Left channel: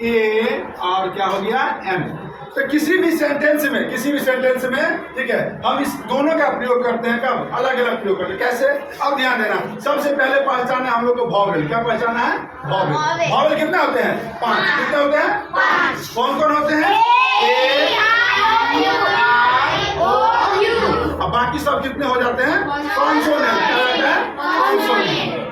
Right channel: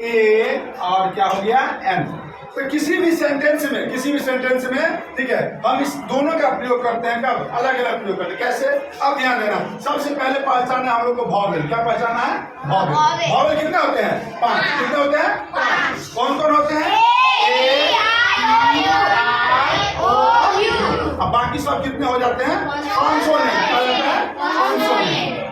ए और क्या हो गया एन। तो किसी भी सेंटेंस में ठीक है हम इस दोनों का प्रयोग करते हैं। कब? अलग अलग प्रयोग करते हैं। कैसे? अब ध्यान देना, सबसे पहले पहचाना है हम लोग को वॉवेल। क्या पहचाना है? वॉवेल। वॉवेल कितने होते हैं? 5। कितने होते हैं? 5। कौन कौन होते हैं? अब बाकी सब कितने हो जाते हैं? 500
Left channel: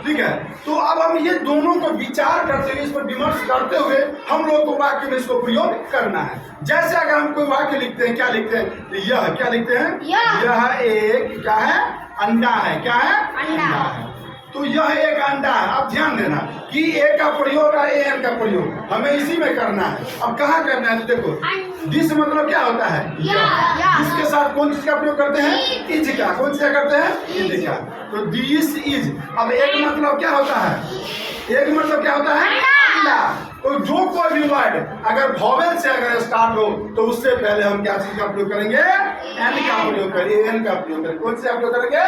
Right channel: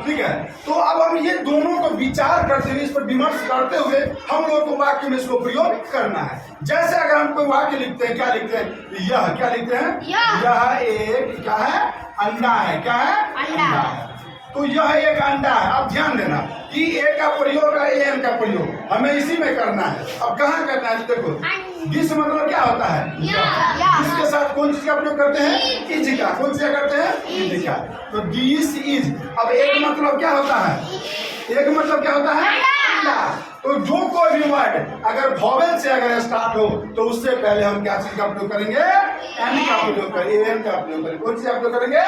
ठीक है। तो अब हम ये दोनों को विचार करते हुए, इस पर विमर्श करते हुए हम लोग को वाक्य में इसको प्रयोग करना है। जैसे अगर हम कोई वाक्य लिखते हैं, क्या लिखते हैं? यह क्या लिखते हैं? यह एक क्या है? अंडा है। क्या है? अंडा है। तो यह एक अंडा है। अब ध्यान देना कि ए का प्रयोग और एन का प्रयोग हमें इसी में करना है। अब कहाँ करना है? तो देखो, दिस मतलब क्या होता है? इसके साथ कौन चीज का प्रयोग करते हैं? इज का। कौन सा करते हैं? इज का। तो दिस इज। अब एक मतलब क्या होता है? एक मतलब क्या होता है? अंडा। तो जो कोई भी वर्ड अगर वॉवेल से अगर स्टार्ट हो तो उससे पहले हम क्या चीज का प्रयोग करेंगे? एन का प्रयोग करेंगे, एन का प्रयोग करेंगे। कौन सा प्रयोग करेंगे?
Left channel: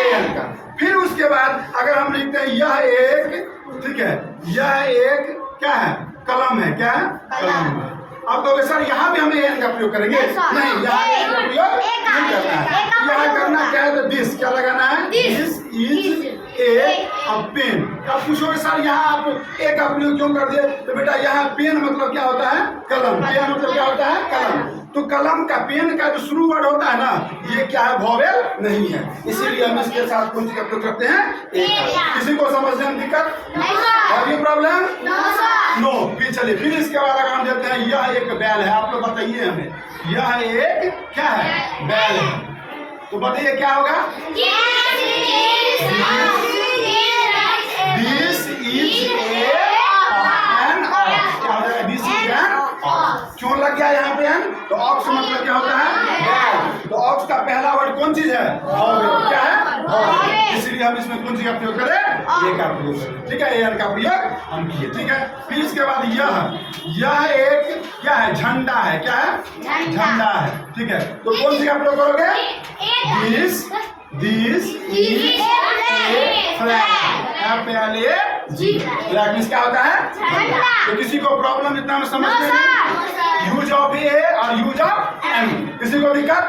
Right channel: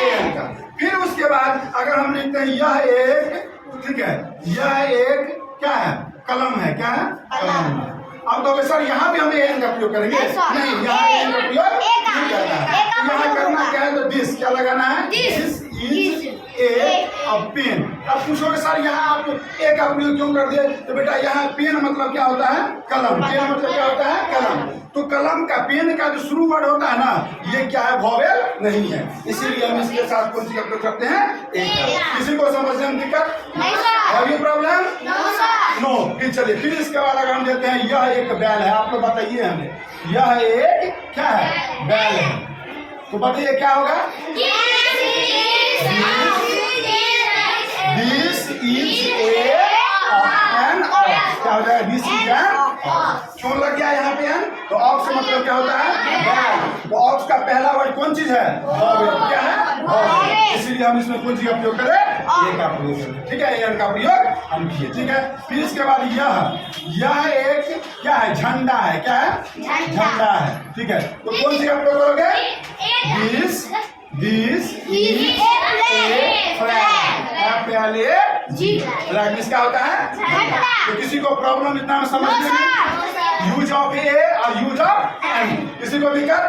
एन का। फिर उसके बाद अगर हम लिखते हैं यह एक, ठीक है, यह एक क्या है? कलम है। क्या है? कलम है। अब तो सर यहाँ भी हम एन का प्रयोग करेंगे? नहीं, यहाँ एन का प्रयोग नहीं करना है। यहाँ करना क्या है? तो दिस क्या लगाना है? This is a pen. अब पूछोगे सर यहाँ आप ए का प्रयोग क्यों कर दिए? तो बेटा यहाँ पेन मतलब क्या होता है? कलम। पेन मतलब क्या होता है? कलम। तो कलम का, पेन का जो शुरू वर्ड होता है ना, ये क्या है? वॉवेल नहीं है, इसीलिए हम इसके साथ कौन सी का प्रयोग करते हैं? ए का। किसी को समझने में दिक्कत? नहीं प्रॉब्लम? नो। फिर चलिए, फिर इसके बाद अगर हम देते हैं यह एक बैल है। आप तो बताइए हमें, यह एक क्या है? बैल है। तो बताइए क्या होगा? This is an ox. क्या हो जाएगा? This is an ox. क्यों लग गया यहाँ पे एन? तो ऑक्स मतलब क्या होता है? बैल। तो ऑक्स का पहला वर्ड कौन चीज है? वॉवेल। क्या है? वॉवेल। इसलिए हम इसमें कौन सी का प्रयोग करें? ए का प्रयोग करें। ठीक है, एन का प्रयोग हम किए। ठीक है। फिर इसके बाद यह एक क्या है? झंडा है। क्या है? झंडा है। ठीक है। तो कौन सी का प्रयोग करोगे? This is A flag. Flag क्या होता है? तो किसी को प्रॉब्लम इतना में समझ में? यूज ऑफ ए और यूज ऑफ एन, किसी को दिक्कत?